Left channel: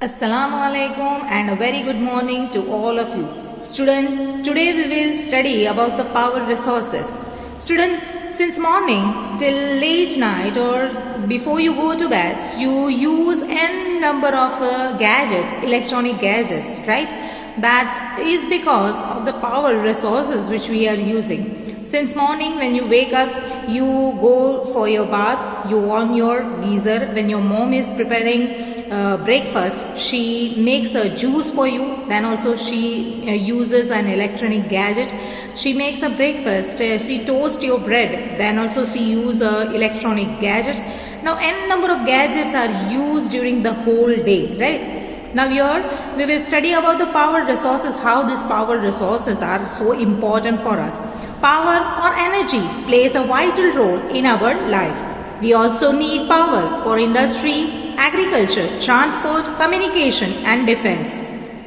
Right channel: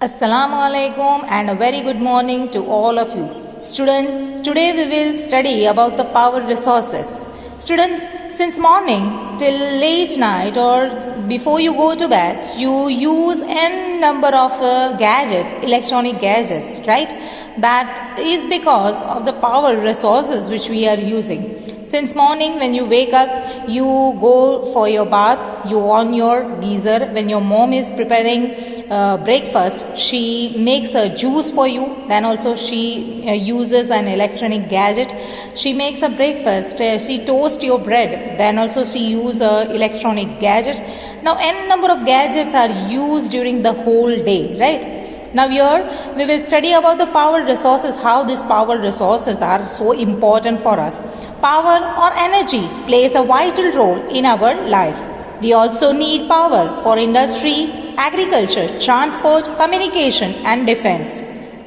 Assalamu alaikum and a very good morning to all of you. Students, today we will study about the power resources. Students, since morning till late night or before you go to bed, you use n number of gadgets, electronic gadgets, right? That is because of the power resources which we are using. Since morning when you wake up, you go for your bath, you on your geyser. When your mom is preparing breakfast, she makes a juice for you. Then also she uses an electronic gadget. She makes a breakfast, she toasts your bread. Then also she uses electronic gadgets. Now n number of gadgets are used during the whole day, right? Now here we will study about the power resources, how these power resources are so important for us. Power or energy plays a vital role in our life. We also need power for industry, agriculture, transport, communication and defense.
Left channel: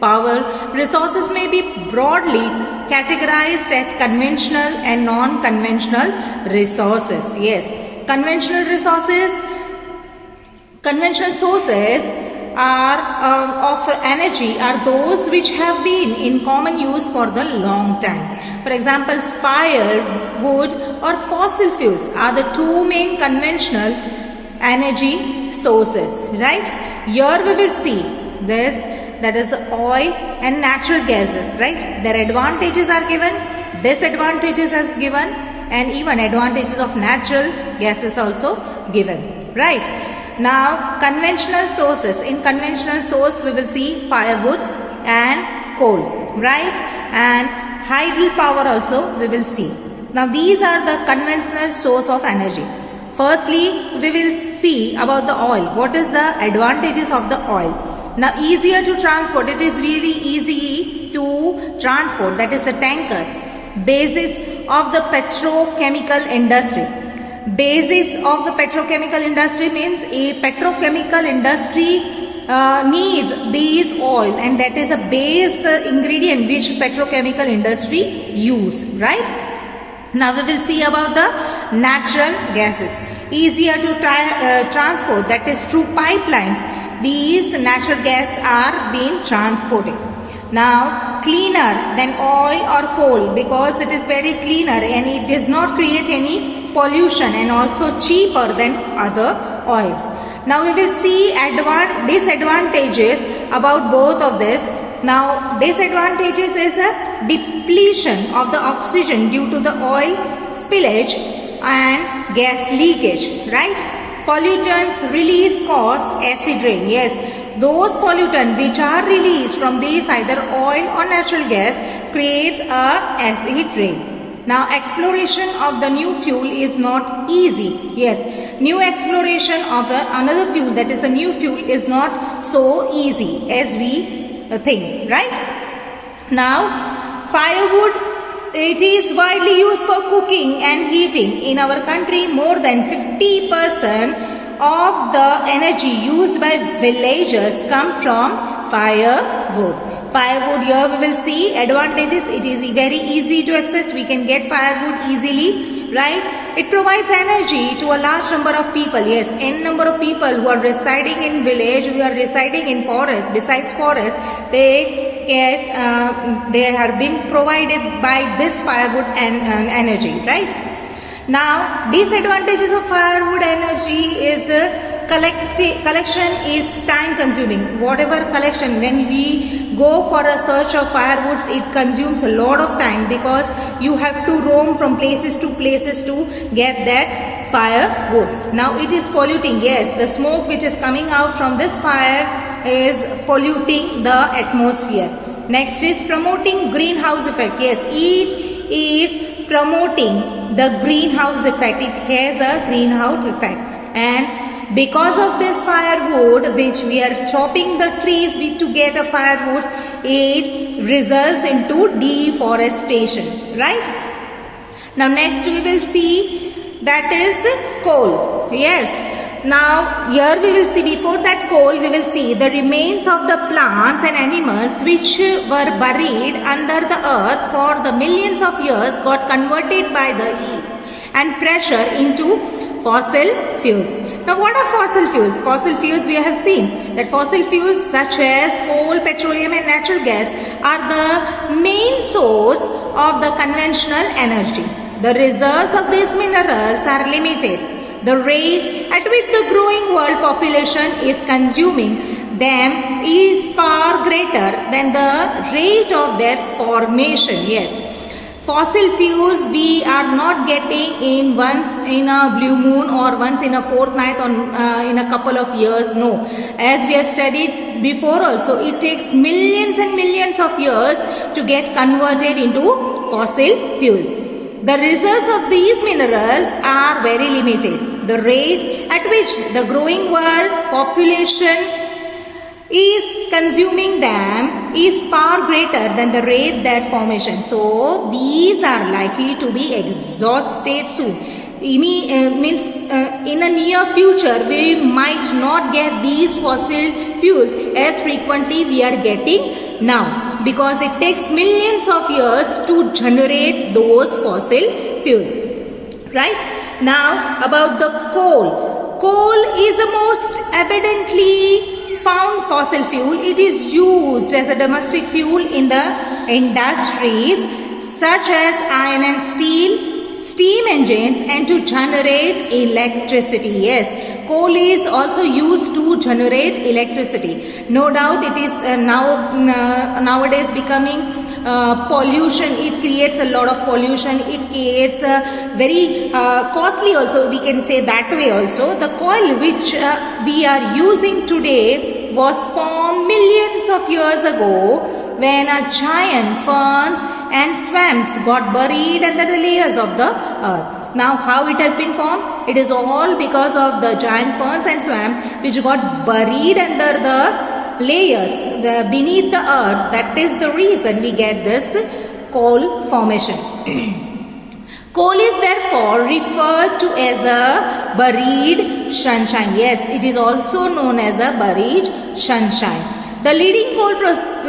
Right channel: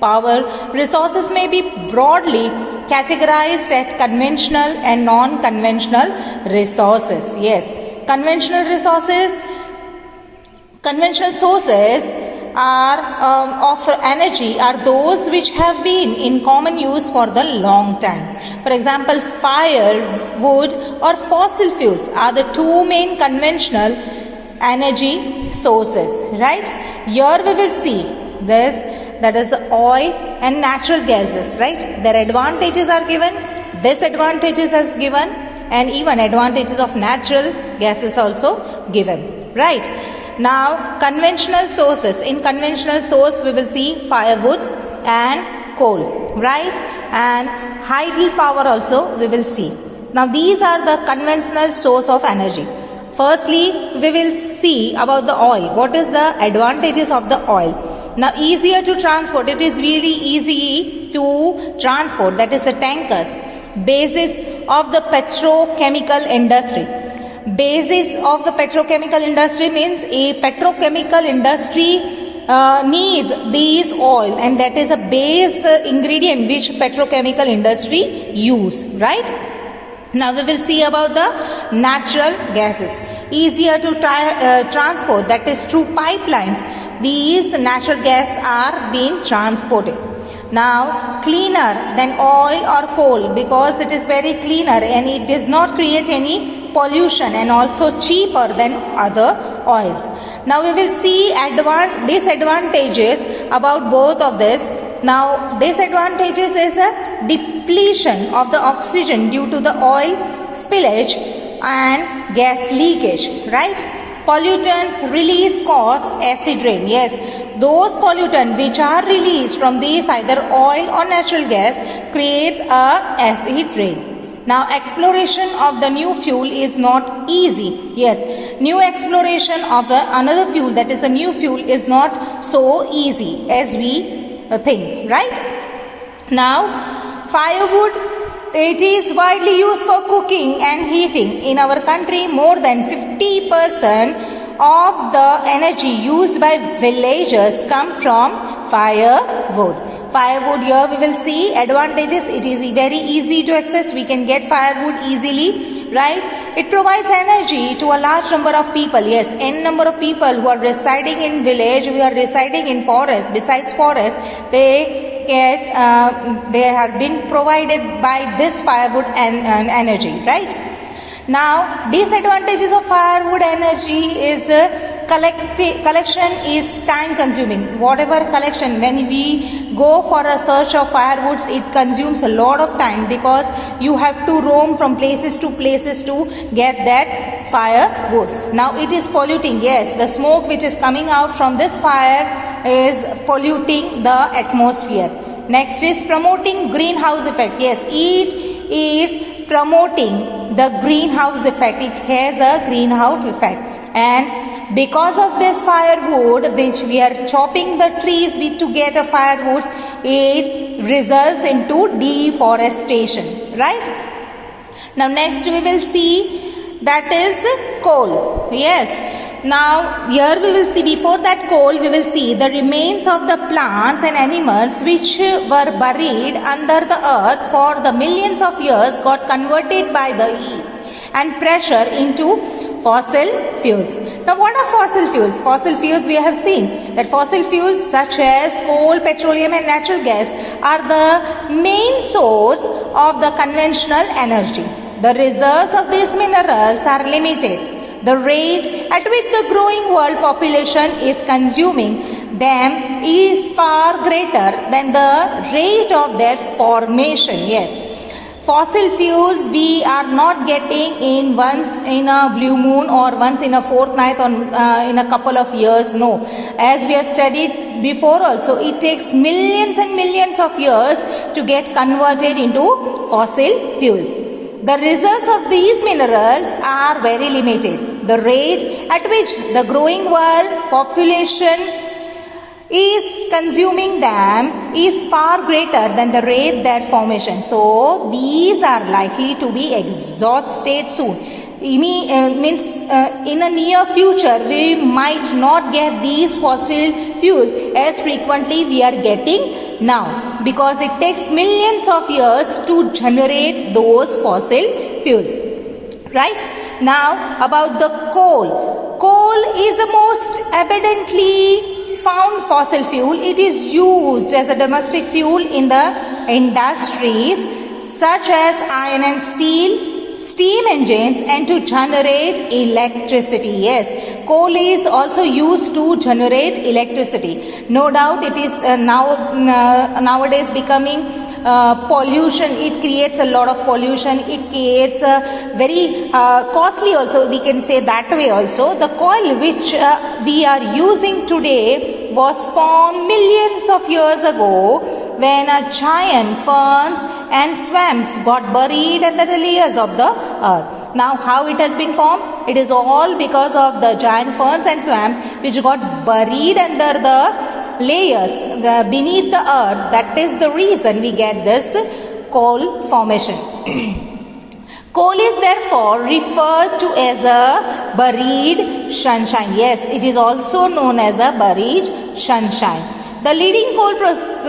Power resources may be broadly categorized as conventional and non-conventional resources. Yes, conventional sources of energy are those which have been in common use for the long time. For example, firewood or fossil fuels are the two main conventional energy sources, right? Here we will see this, that is oil and natural gases, right? Their advantages are given, disadvantages are given, and even advantages of natural gases also given, right? Now, conventional sources. In conventional source, we will see firewood and coal, right? And hydel power also we will see. Now, these are the conventional source of energy. Firstly, we will see about the oil. What is the advantages of the oil? Now, easier to transport. It is really easy to transport. That is the tankers. Basis of the petrochemical industry. Basis of the petrochemical industry means a petrochemical industry needs these oil, and that is a base ingredient which petrochemical industry use, right? Now we will see about the natural gases. Easier to transport, that is through pipelines. These natural gas are being transported. Now, cleaner than oil or coal because it is very cleaner and it does not create any pollution, and also cheaper than other oils. Now, we will see disadvantages about both of this. Now, disadvantages is a depletion of the oxygen due to the oil spillage and gas leakage, right? Pollutants release cause acid rain. Yes, those pollutants which are released from these either oil or natural gas creates a acid rain. Now, exploration of the new fuel is not easy. Yes, new exploration of another fuel, that is a new fuel, is not so easy as we think, right? Now, firewood, it is widely used for cooking and heating. In our country, more than 50% of the energy used by villagers come from firewood. Firewood, here we will see advantages. It is very easy to access. We can get firewood easily, right? It provides energy to a large number of people. Yes, n number of people who are residing in village, who are residing in forest. Besides forest, they have been provided by this firewood and energy, right? Now, disadvantages of firewood energy is collection is time consuming. Whatever collection, when we go for a search of firewoods, it consumes a lot of time because you have to roam from places to get that firewoods. Now, it is polluting. Yes, the smoke which is coming out from this fire is polluting the atmosphere. Next is promoting greenhouse effect. Yes, it is promoting the greenhouse effect. It has a greenhouse effect, and because of this firewood which we are chopping the trees to get a firewoods, it results into deforestation, right? Now next we will see that is coal. Yes, now here we will see, before that coal we will see the remains of the plants and animals which were buried under the earth for the millions of years got converted by the heat and pressure into fossil fuels. Now what are fossil fuels? Fossil fuels, we have seen that fossil fuels such as coal, petroleum and natural gas are the main source of the conventional energy. The reserves of these minerals are limited. The rate at which the growing world population is consuming them is far greater than the rate of their formation. Yes, fossil fuels we are not getting in once in a blue moon or once in a fortnight or in a couple of years. No, as we have studied before also, it takes millions and millions of years to get converted into fossil fuels. The reserves of these minerals are very limited. The rate at which the growing world population is consuming them is far greater than the rate their formation. So these are likely to be exhausted soon. Means in a near future we might not get these fossil fuels as frequently we are getting now, because it takes millions of years to generate those fossil fuels. Right? Now about the coal. Coal is the most abundantly found fossil fuel. It is used as a domestic fuel in the industries such as iron and steel, steam engines, and to generate electricity. Yes, coal is also used to generate electricity. No doubt it is nowadays becoming pollution. It creates a lot of pollution. It creates very costly also, we can say that way also. The coal which we are using today was formed millions of years ago when giant ferns and swamps got buried under the layers of the earth. Now how it has been formed? It is all because of the giant ferns and swamps which got buried under the layers beneath the earth. That is the reason we get this coal formation. Coal is therefore referred to as a buried sunshine. Yes, it is also known as a buried sunshine. The leading coal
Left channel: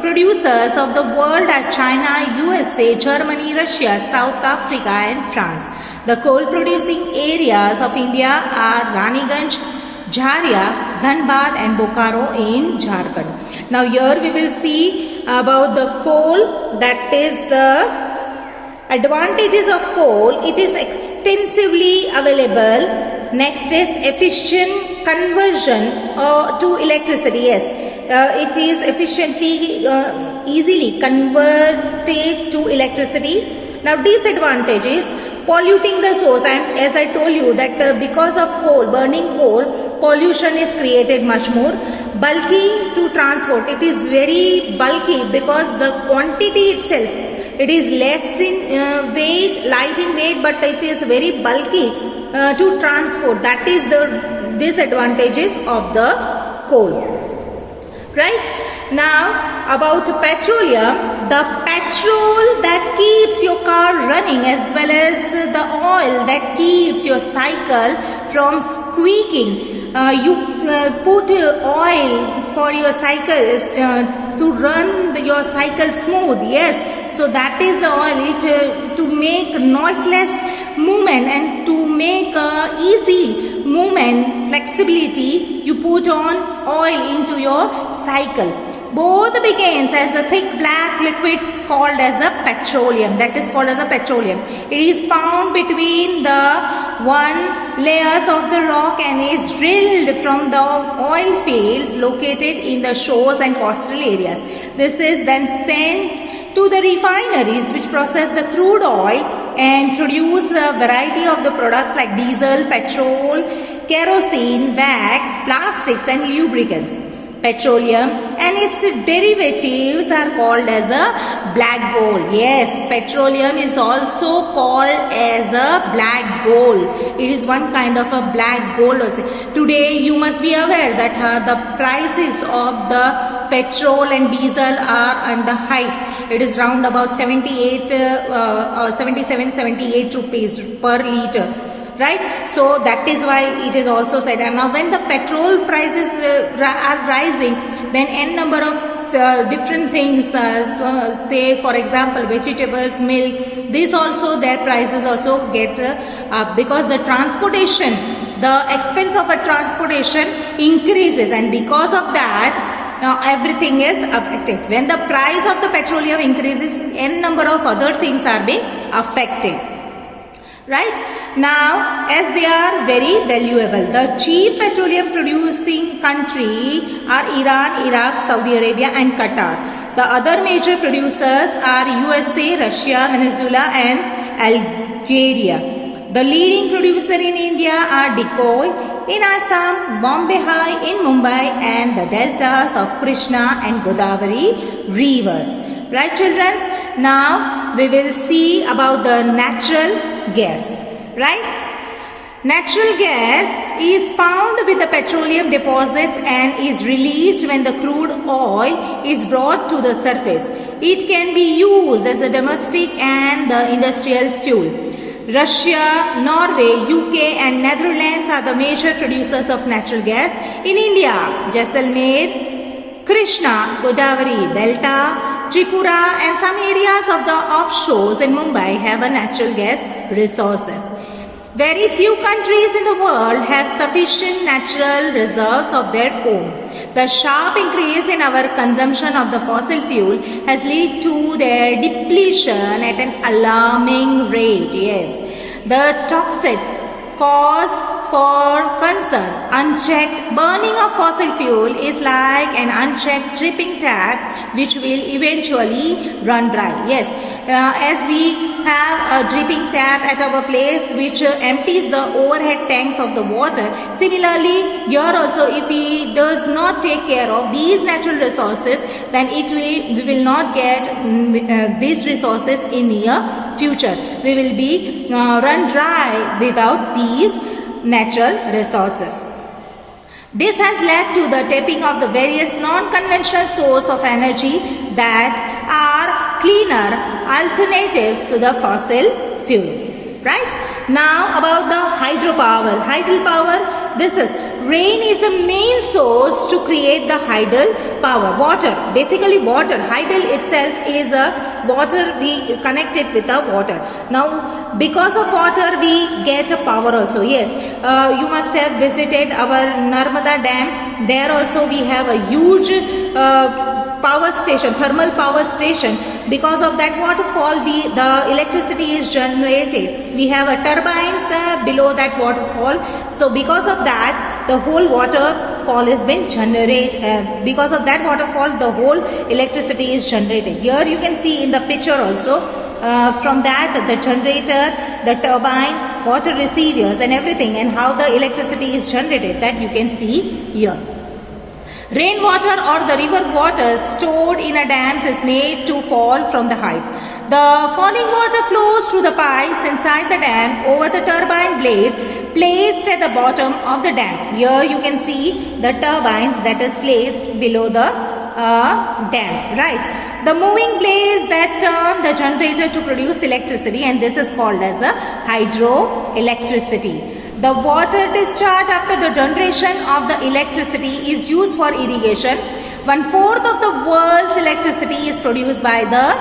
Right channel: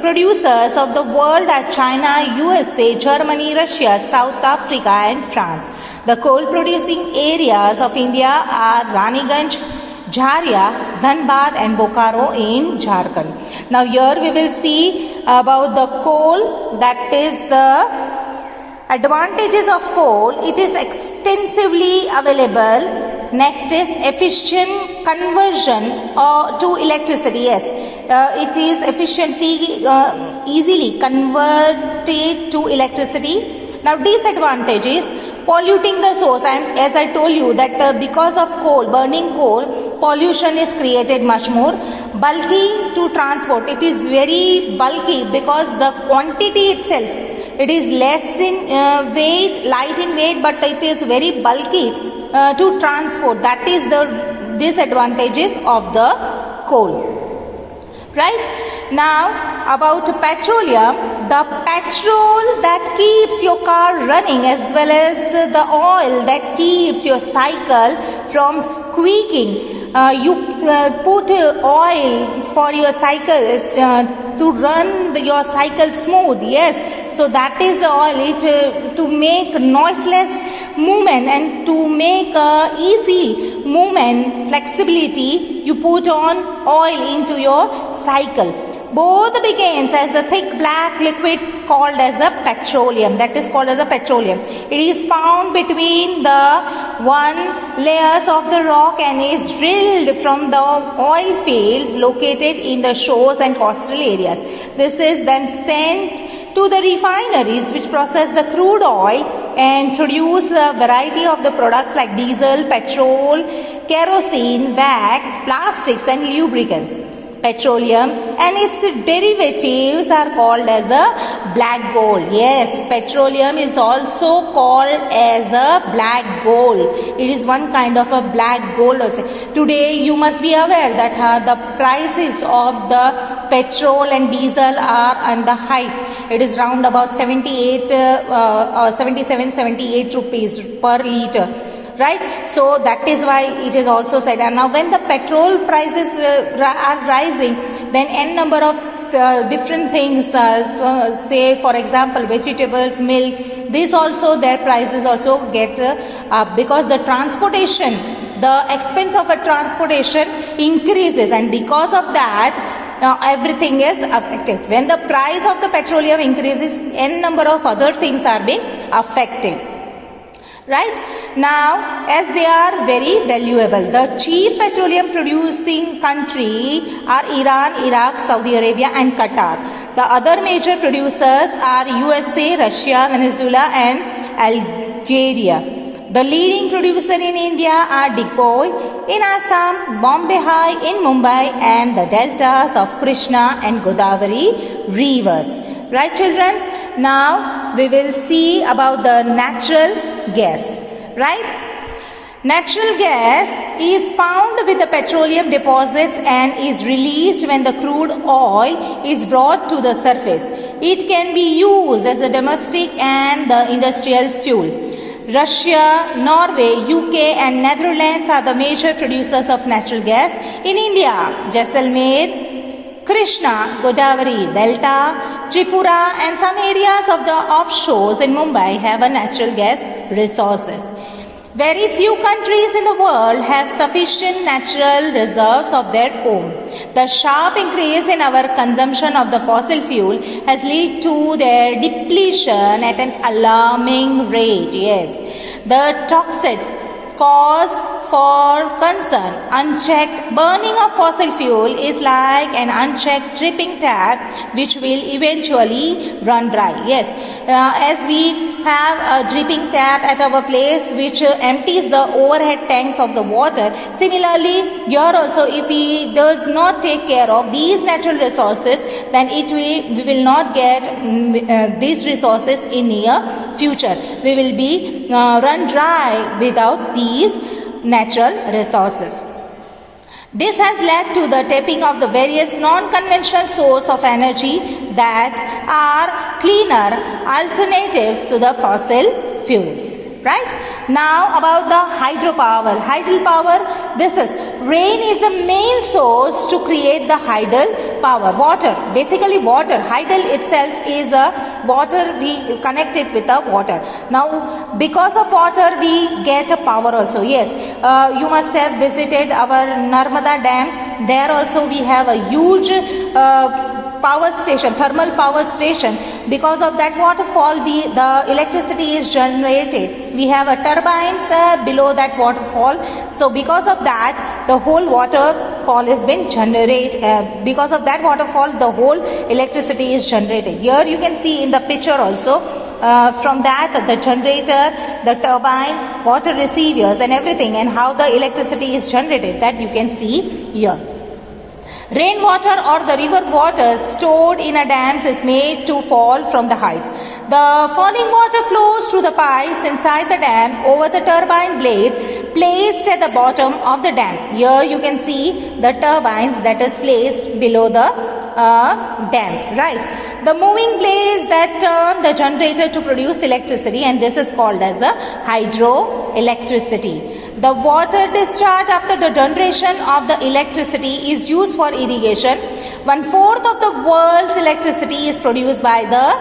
producers of the world are China, USA, Germany, Russia, South Africa and France. The coal producing areas of India are Raniganj, Jharia, Dhanbad and Bokaro in Jharkhand. Now here we will see about the coal, that is the advantages of coal. It is extensively available. Next is efficient conversion to electricity. Yes, it is efficiently, easily converted to electricity. Now disadvantages: polluting the source, and as I told you that because of coal, burning coal, pollution is created much more. Bulky to transport, it is very bulky because the quantity itself, it is less in weight, light in weight, but it is very bulky to transport. That is the disadvantages of the coal. Right? Now about petroleum, the petrol that keeps your car running as well as the oil that keeps your cycle from squeaking. You put oil for your cycle to run your cycle smooth. Yes, so that is the oil to make noiseless movement and to make easy movement, flexibility. You put on oil into your cycle. Both begins as a thick black liquid called as a petroleum. That is called as a petroleum. It is found between the one layers of the rock and is drilled from the oil fields located in the shores and coastal areas. This is then sent to the refineries which process the crude oil and produce a variety of the products like diesel, petrol, kerosene, wax, plastics and lubricants. Petroleum and its derivatives are called as a black gold. Yes, petroleum is also called as a black gold. It is one kind of a black gold also. Today you must be aware that the prices of the petrol and diesel are on the high. It is round about 78 rupees per liter. Right, so that is why it is also said. And now when the petrol prices are rising, then n number of different things, say for example vegetables, milk, this also their prices also get up because the transportation the expense of a transportation increases, and because of that everything is affected. When the price of the petroleum increases, n number of other things are being affected. Right? Now, as they are very valuable, the chief petroleum producing country are Iran, Iraq, Saudi Arabia and Qatar. The other major producers are USA, Russia, Venezuela and Algeria. The leading producer in India are Dikhoi in Assam, Bombay High in Mumbai and the deltas of Krishna and Godavari rivers. Right, children? Now we will see about the natural gas. Right? Natural gas is found with the petroleum deposits and is released when the crude oil is brought to the surface. It can be used as a domestic and the industrial fuel. Russia, Norway, UK and Netherlands are the major producers of natural gas. In India, Jaisalmer, Krishna, Godavari, Delta, Tripura and some areas of the offshores in Mumbai have a natural gas resources. Very few countries in the world have sufficient natural reserves of their own. The sharp increase in our consumption of the fossil fuel has led to their depletion at an alarming rate. Yes, the toxics cause for concern. Unchecked burning of fossil fuel is like an unchecked dripping tap which will eventually run dry. Yes, as we have a dripping tap at our place which empties the overhead tanks of the water. Similarly, here also if we does not take care of these natural resources, then we will not get these resources in near future. We will be run dry without these natural resources. This has led to the tapping of the various non-conventional sources of energy that are cleaner alternatives to the fossil fuels. Right? Now about the hydropower. Hydropower, this is rain is the main source to create the hydel power. Water, basically water. Hydel itself is a water, we connect it with the water. Now because of water we get a power also. Yes, you must have visited our Narmada dam. There also we have a huge power station, thermal power station. Because of that waterfall, the electricity is generated. We have a turbines below that waterfall. So because of that, the whole waterfall has been generated. Because of that waterfall, the whole electricity is generated. Here you can see in the picture also. From that, the generator, the turbine, water receivers and everything, and how the electricity is generated, that you can see here. Rainwater or the river water stored in a dams is made to fall from the heights. The falling water flows through the pipes inside the dam over the turbine blades placed at the bottom of the dam. Here you can see the turbines that is placed below the dam. Right. The moving blades that turn the generator to produce electricity, and this is called as a hydroelectricity. The water discharge after the generation of the electricity is used for irrigation. 1/4 of the world's electricity is produced by the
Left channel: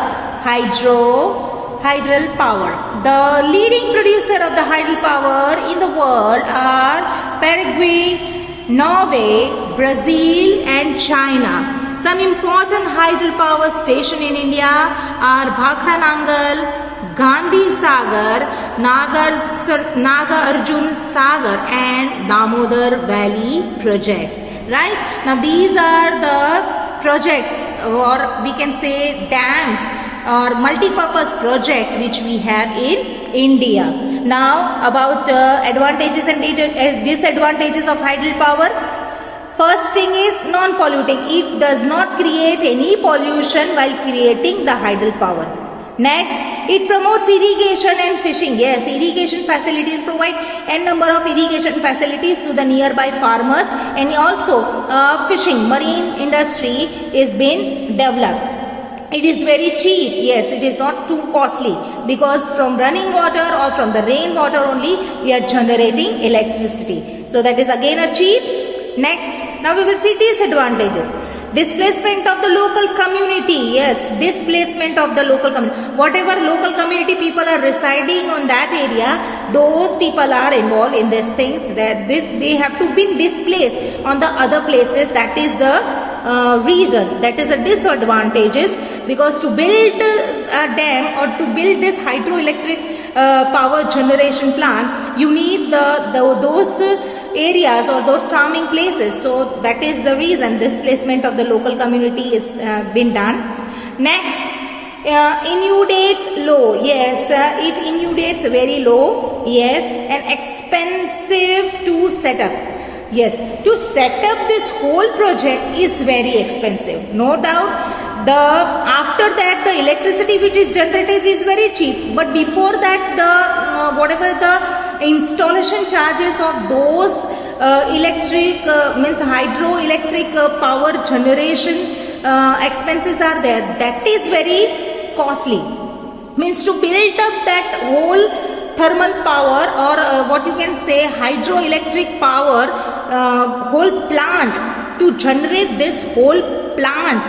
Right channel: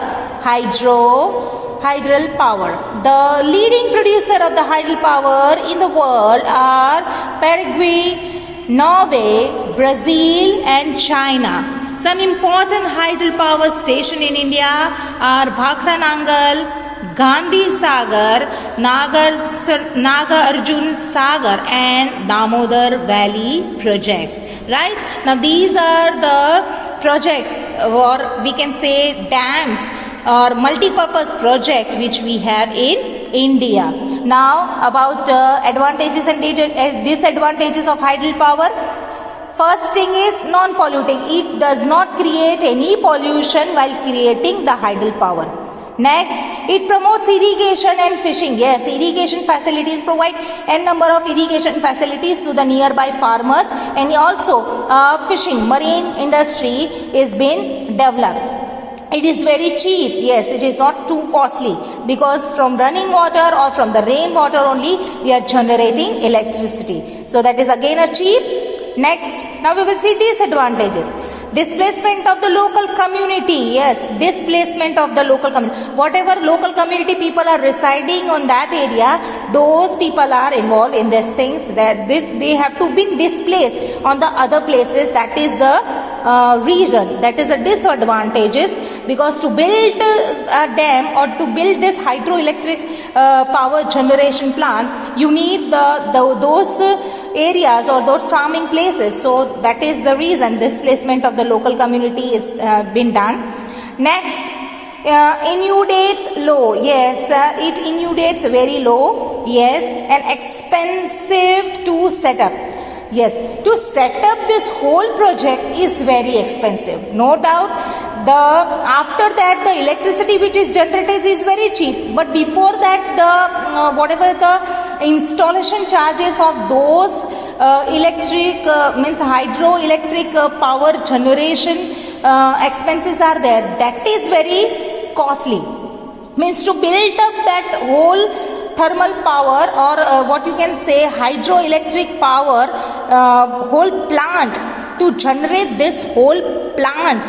hydel power. The leading producer of the hydel power in the world are Paraguay, Norway, Brazil and China. Some important hydel power stations in India are Bhakranangal, Gandhi Sagar, Nagarjun Sagar and Damodar Valley projects. Right? Now these are the projects, or we can say dams or multi-purpose project which we have in India. Now about advantages and disadvantages of hydel power. First thing is non-polluting. It does not create any pollution while creating the hydel power. Next, it promotes irrigation and fishing. Yes, irrigation facilities provide n number of irrigation facilities to the nearby farmers, and also fishing, marine industry is being developed. It is very cheap. Yes, it is not too costly because from running water or from the rain water only we are generating electricity. So that is again a cheap. Next, now we will see disadvantages. Displacement of the local community. Yes, displacement of the local community. Whatever local community people are residing on that area, those people are involved in these things, that they have to be displaced on the other places. That is the reason, that is the disadvantages, because to build a dam or to build this hydroelectric power generation plant, you need those areas or those farming places. So that is the reason displacement of the local community is been done. Next, inundates low. Yes, it inundates very low. Yes, and expensive to set up. Yes, to set up this whole project is very expensive, no doubt. After that, the electricity which is generated is very cheap, but before that, the whatever the installation charges of those electric means hydroelectric power generation expenses are there. That is very costly. Means to build up that whole thermal power, or what you can say hydroelectric power whole plant, to generate this whole plant,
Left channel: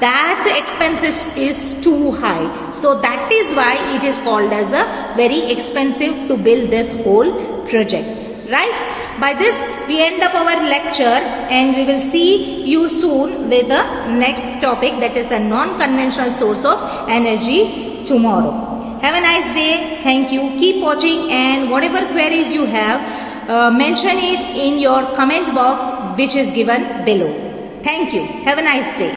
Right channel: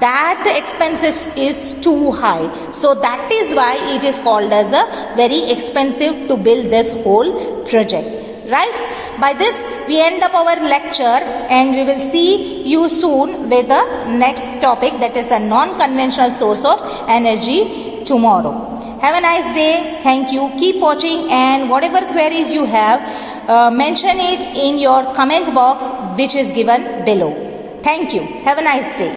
that expenses is too high. So that is why it is called as a very expensive to build this whole project. Right? By this we end up our lecture, and we will see you soon with the next topic, that is a non-conventional source of energy, tomorrow. Have a nice day. Thank you. Keep watching, and whatever queries you have, mention it in your comment box which is given below. Thank you. Have a nice day.